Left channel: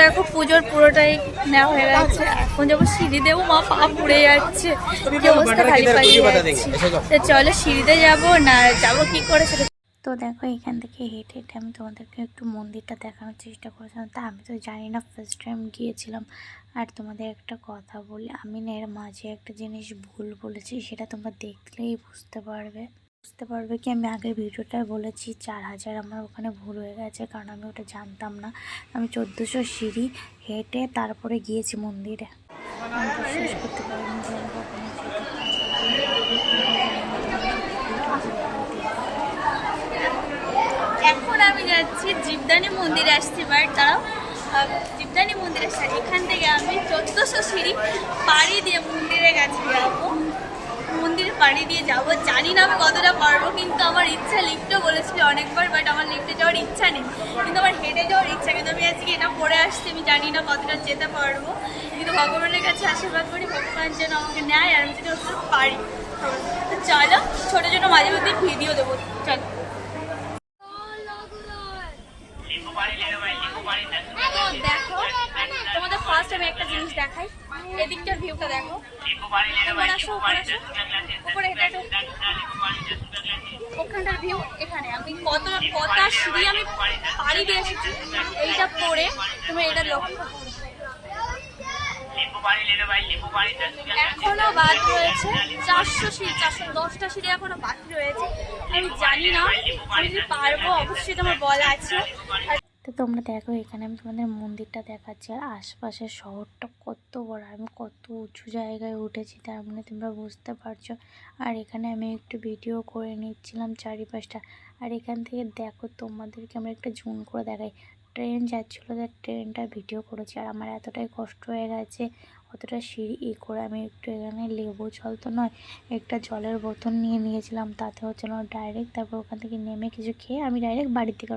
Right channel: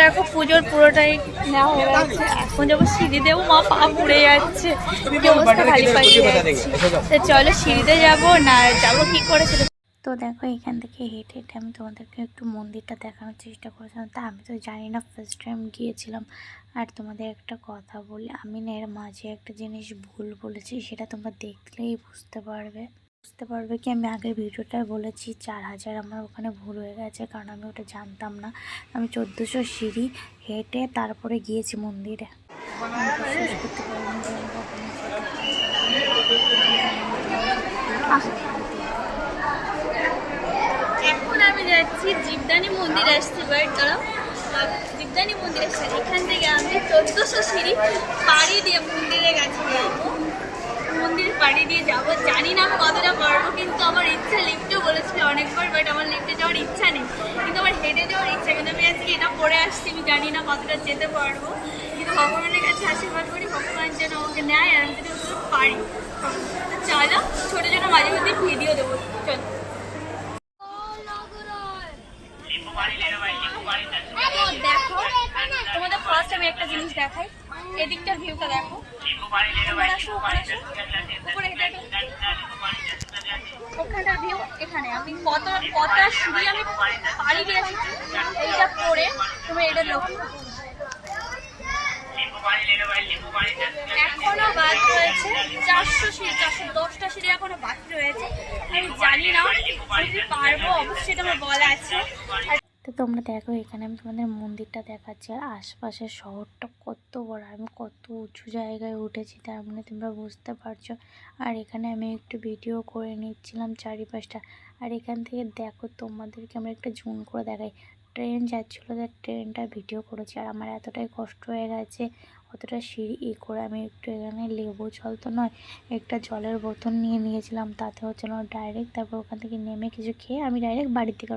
দেখো পুজোর পুরোটাই নেওয়া হয়ে গেছে। এখন যাবো সিঁড়ি দেবো, মা পা পুড়ে যাচ্ছে, চলো সিঁড়িতে যাবো না যাবো কি করে সেটা। তো দেখো এখান থেকে হেঁটে হেঁটে আমি তোমাদেরকে একটু মন্দিরটা দেখানোর চেষ্টা করেছিলাম। তা আমি তো জানি না, ফার্স্ট টাইম গিয়েছিলাম। আর তোমাদের একটা কথা বলি, আমি না এর মাঝে একটা জিনিস ভুল বলেছি, সেটা তোমরা দেখলেই বুঝতে পারবে কি আমি আগের ভিডিওটায় বলেছি 4000 আমার ওখানে ভুল হয়ে গেছে, কারণ আমি ওটা জানতাম না। আমি 1400 সিঁড়ি হেঁটে তারপরে গিয়েছি মন্দিরে। আমি বিশ্বাস করতে পারিনি যে আমি কখনো যেতে পারবো। এখন আমি যাচ্ছি জীবদানী মন্দিরে আসছি, বাট তারা জীবদানী মন্দিরে আসছে। এখান থেকে আমি 1400 সিঁড়ি পাড়ি দিয়ে মন্দিরে গেছি, মন্দিরে পাড়ি দিয়ে যাবো। জানি না আমি কতটা পারবো, কিন্তু আমার ইচ্ছা, লিফটও বলেছিল অনেকবার, বাট আমার লিফটে যাওয়ার ইচ্ছা নেই, কিন্তু আমার হেঁটে যাওয়ার ইচ্ছা। কিন্তু আমি আজকে এটা পড়ে আসছি, আমি জানি না কতটা যেতে পারবো, কিন্তু ভগবানের কাছে আশীর্বাদ করি ভগবান যেন আমাকে নেয় আর আমি যেন পারি। চলো ছোটো ছোটো মাঝে মধ্যে ভিডিও দেবো, চলো। দেখো তোমাদের ফার্স্ট আমি একটা জিনিস দেখাই, এদিকটার ভিউটা দেখো। উপরে আসো, উপরে আসো, উপরে হেঁটে ওখানটার ভিউ। এখানে আমি কটা সিঁড়ি আমি পাড়ি দিয়ে এসেছি এইটা পরে, তুমি এটা লক্ষ্য। এখনো বাদ রয়েছে 400 সিঁড়ি, 410টা সিঁড়ি এখনো বাকি রয়েছে। আমি জানি না আমি যদি পারবো, অবশ্যই এটা আমার বলা আছে। তো তোমরা দেখো এখানে আমি তোমাদের মন্দিরটা দেখাচ্ছি, আর আশপাশের শহরটা কত বড়, আমি কত উঁচু জায়গায় উঠেছি, তার মানে তোমরা বুঝতে পারছো। আর এখানে আমি একটু ভিডিও করে নিচ্ছিলাম চারিপাশটা। আর এখান থেকে দেখো তোমাদেরকে আমরা একটা জুম করে দেখাই, ট্রেন যাচ্ছিলো, তার ট্রেনটা ভিডিও করেছি। আর আমার এতটাই কষ্ট হয়ে গেছে, অতটা সিঁড়ি করে আমি একটু এখানে লেবু জল তো নয়, একটা জলের বোতল নিয়ে নিয়েছিলাম, তাতে হচ্ছে না ডাইরেক্ট। তারপর ওখান থেকে নেমে কিছু খেয়ে আমি ডাইরেক্ট বাড়ির থেকে